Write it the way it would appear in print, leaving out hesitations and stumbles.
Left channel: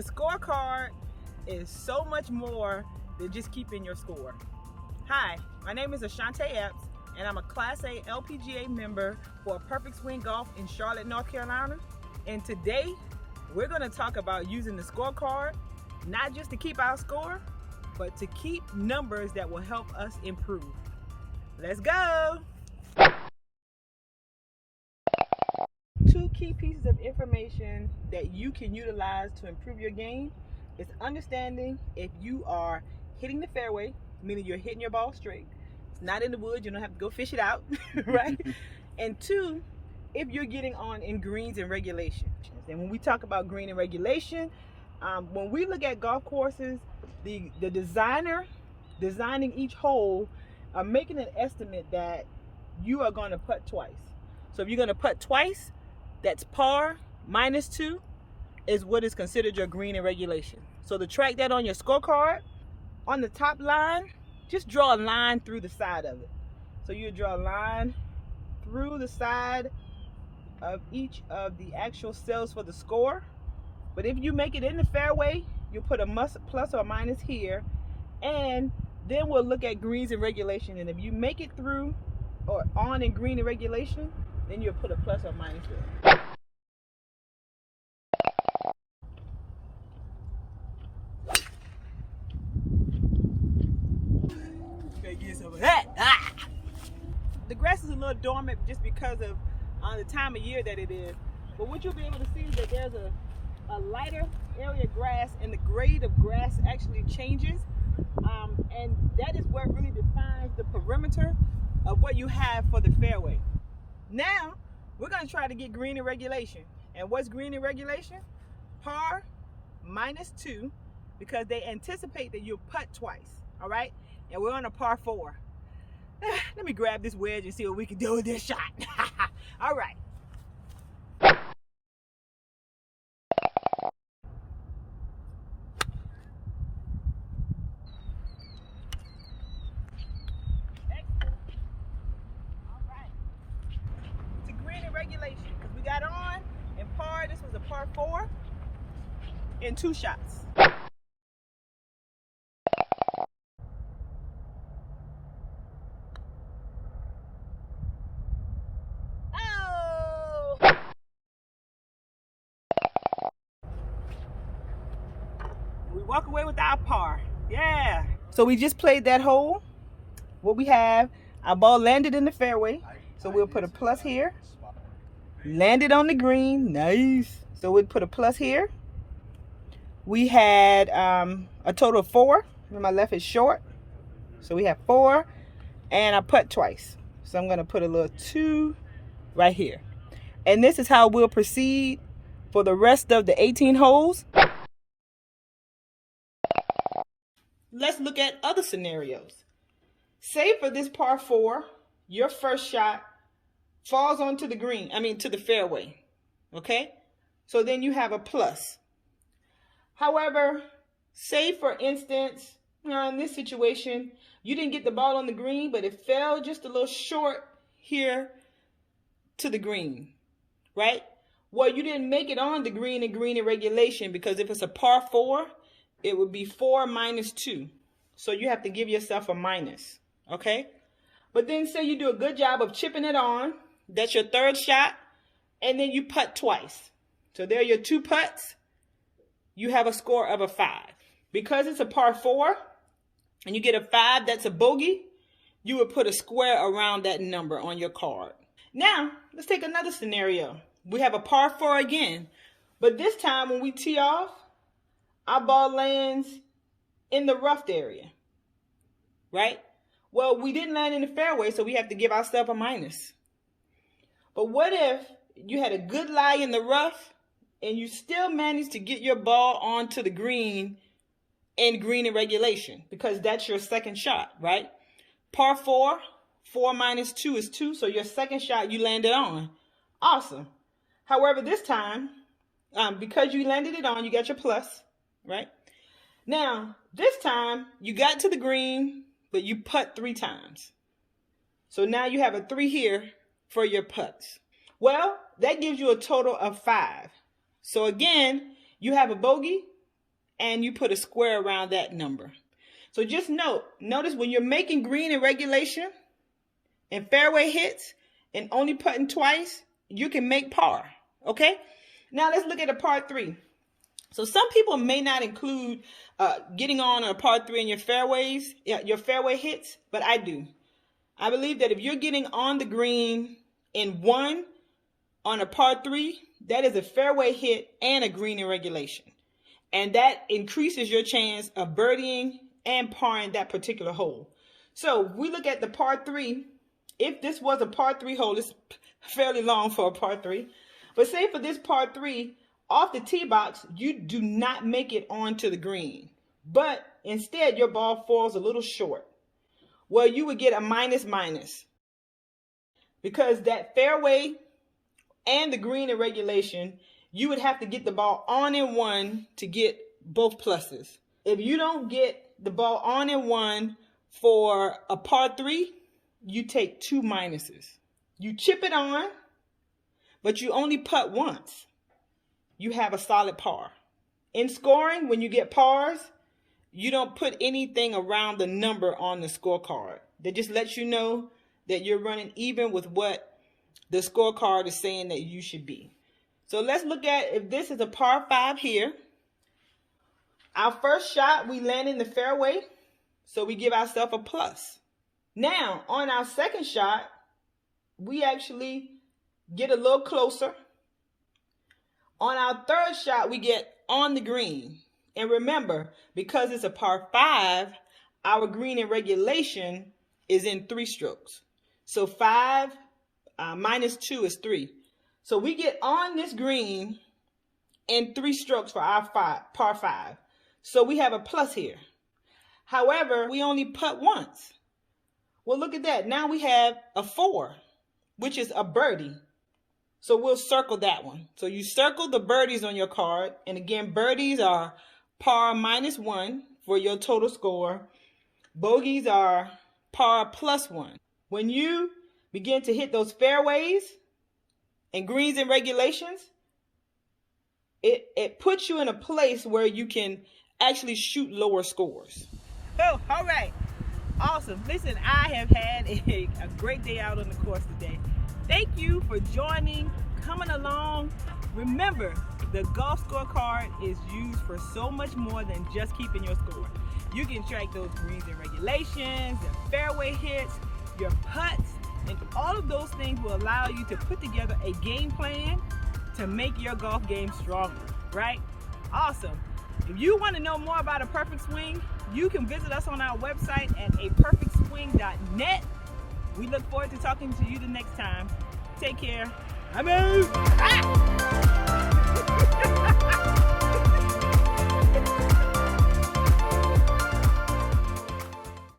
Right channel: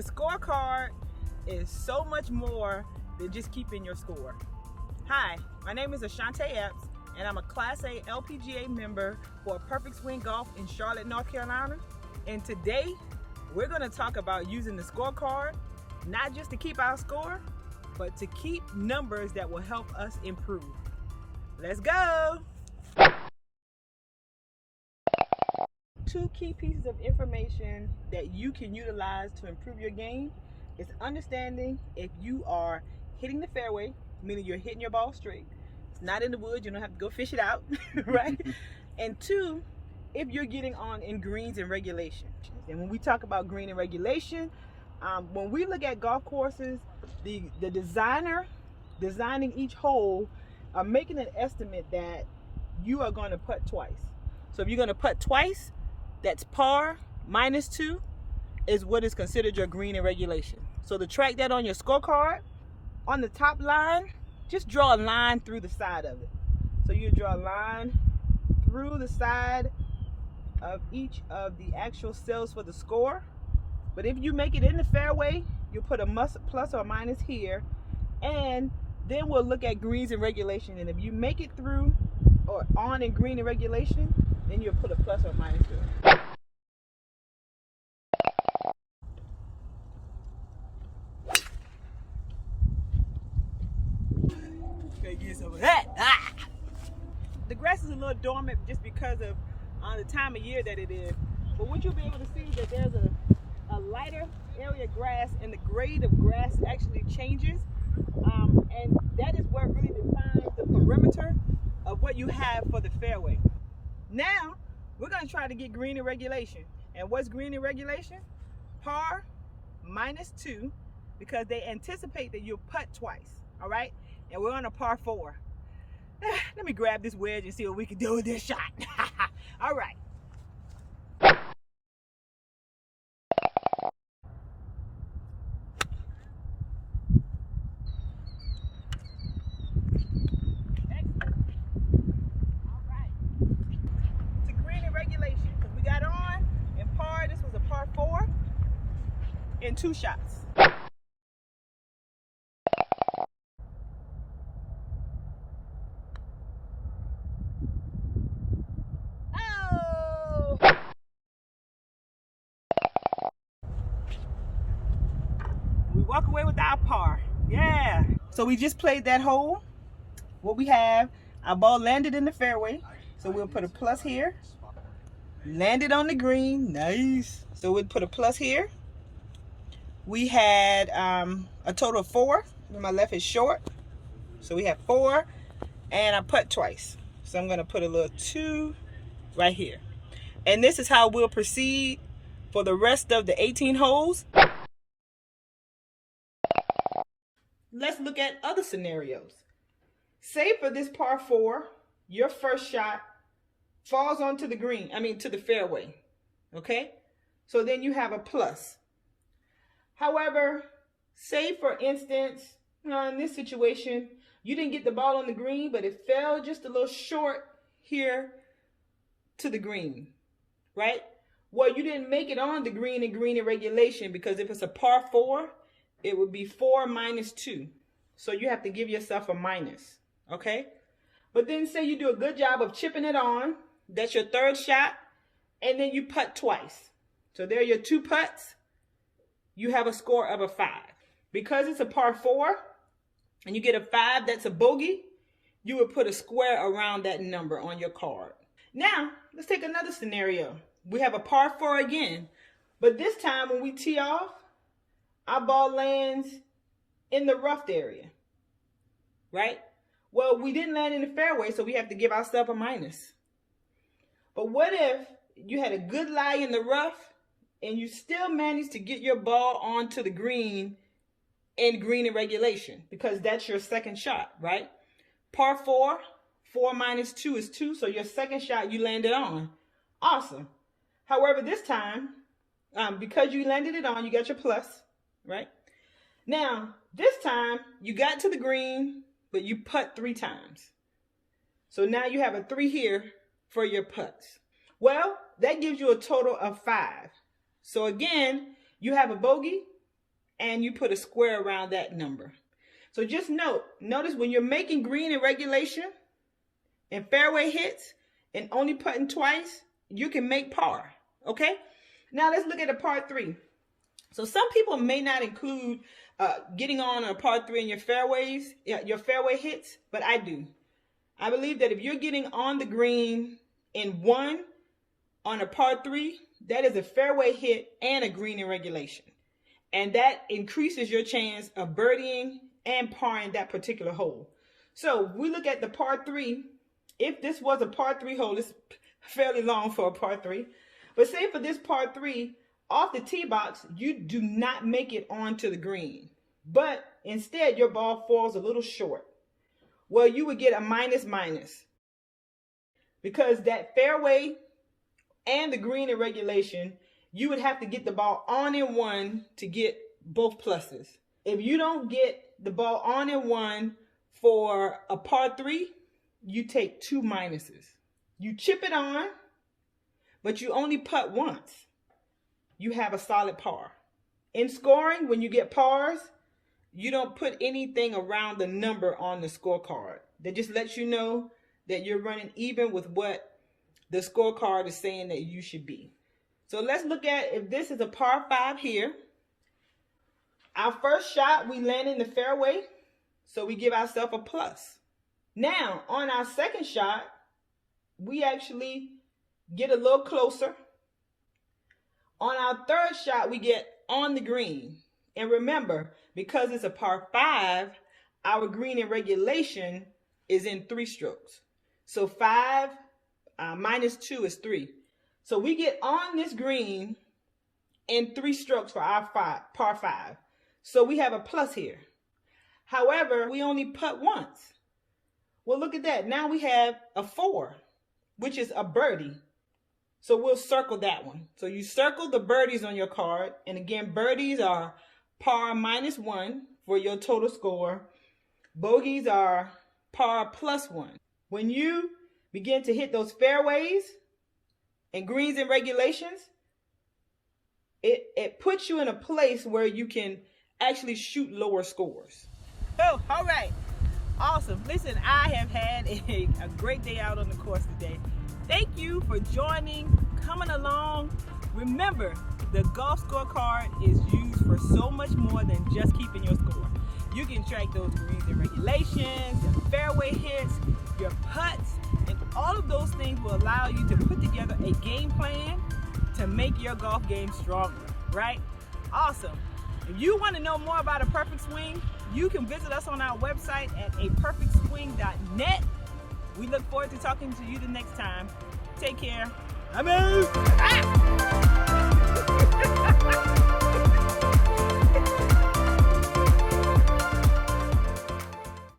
The scorecard is so much more than just keeping your score. Hi, my name is Ashaunta Epps, and I'm a Class A LPGA member for Perfect Swing Golf in Charlotte, North Carolina. And today, we're going to talk about using the scorecard, not just to keep our score, but to keep numbers that will help us improve. Let's go! Two key pieces of information that you can utilize to improve your game is understanding if you are hitting the fairway, meaning you're hitting your ball straight. It's not in the woods, you don't have to go fish it out, right? And two, if you're getting on in greens and regulation. And when we talk about green and regulation, when we look at golf courses, the designer designing each hole are making an estimate that you are going to putt twice. So if you're going to putt twice, that's par minus 2 is what is considered your green and regulation. So to track that on your scorecard, on the top line, just draw a line through the side of it. So you draw a line through the side of each of the actual cells for the score. But if you make it in the fairway, you put a plus or minus here, and then we'll look at greens and regulation. And if you make it through or on in green and regulation, then you'll put a plus or minus there. Get some of that. The grass is a little dormant just because of the time of year that it is. But what you'll be able to see is that there's a lighter area of grass, and the grade of grass actually changes. And that is what really defines the perimeter of what you have for the fairway. Now, we're going to try to get green in regulation. And what's green in regulation? Par minus 2, because they anticipate that you'll putt twice, all right? And we're on a par 4. Let me grab this wedge and see what we can do with this shot. All right. Because we got on and par. This was a par 4 in 2 shots. Oh! We walk away with our par. Yeah. So we just played that hole. What we have, our ball landed in the fairway. So we'll put a plus here. Landed on the green, nice. So we'll put a plus here. We had a total of 4. My left is short, so we have 4, and I putt twice. So I'm gonna put a little 2 right here. And this is how we'll proceed for the rest of the 18 holes. Let's look at other scenarios. Say for this par 4, your first shot falls onto the green, to the fairway, okay? So then you have a plus. However, say for instance, in this situation, you didn't get the ball on the green, but it fell just a little short here to the green, right? Well, you didn't make it on the green in regulation, because if it's a par 4, it would be 4 minus 2. So you have to give yourself a minus, okay? But then say you do a good job of chipping it on. That's your third shot, and then you putt twice. So there are your 2 putts. You have a score of a 5. Because it's a par 4, and you get a 5, that's a bogey, you would put a square around that number on your card. Now, let's take another scenario. We have a par 4 again, but this time when we tee off, our ball lands in the rough area, right? Well, we didn't land in the fairway, so we have to give ourselves a minus. But what if you had a good lie in the rough and you still managed to get your ball onto the green in green and regulation? Because that's your second shot, right? Par 4, 4 minus 2 is 2, so your second shot you landed on. Awesome. However, this time, because you landed it on, you got your plus, right? Now, this time, you got to the green, but you putt 3 times. So now you have a 3 here for your putts. Well, that gives you a total of 5. So again, you have a bogey, and you put a square around that number. So just notice when you're making green in regulation and fairway hits and only putting twice, you can make par, okay? Now let's look at a par 3. So some people may not include getting on a par 3 in your fairways, your fairway hits, but I do. I believe that if you're getting on the green in 1 on a par 3, that is a fairway hit and a green in regulation. And that increases your chance of birdieing and parring that particular hole. So we look at the par 3. If this was a par 3 hole, it's fairly long for a par 3. But say for this par 3, off the tee box, you do not make it onto the green. But instead, your ball falls a little short. Well, you would get a minus. Because that fairway and the green in regulation, you would have to get the ball on in 1 to get both pluses. If you don't get the ball on in 1 for a par 3, you take 2 minuses. You chip it on, but you only putt once. You have a solid par. In scoring, when you get pars, you don't put anything around the number on the scorecard. That just lets you know that you're running even with what the scorecard is saying that you should be. So let's look at if this is a par 5 here. Our first shot, we land in the fairway, so we give ourselves a plus. Now, on our second shot, we actually get a little closer. On our third shot, we get on the green. And remember, because it's a par 5, our green in regulation is in 3 strokes. So 5 minus 2 is 3. So we get on this green in 3 strokes for our par 5. So we have a plus here. However, we only putt once. Well, look at that. Now we have a 4, which is a birdie. So we'll circle that one. So you circle the birdies on your card. And again, birdies are par minus 1 for your total score. Bogeys are par plus 1. When you begin to hit those fairways and greens and regulations, it puts you in a place where you can actually shoot lower scores. Oh, all right. Awesome. Listen, I have had a great day out on the course today. Thank you for joining, coming along. Remember, the golf scorecard is used for so much more than just keeping your score. You can track those greens and regulations, and fairway hits, your putts, and all of those things will allow you to put together a game plan to make your golf game stronger, right? Awesome. If you want to know more about A Perfect Swing, you can visit us on our website at aperfectswing.net. We look forward to talking to you the next time. Take care. I'm out.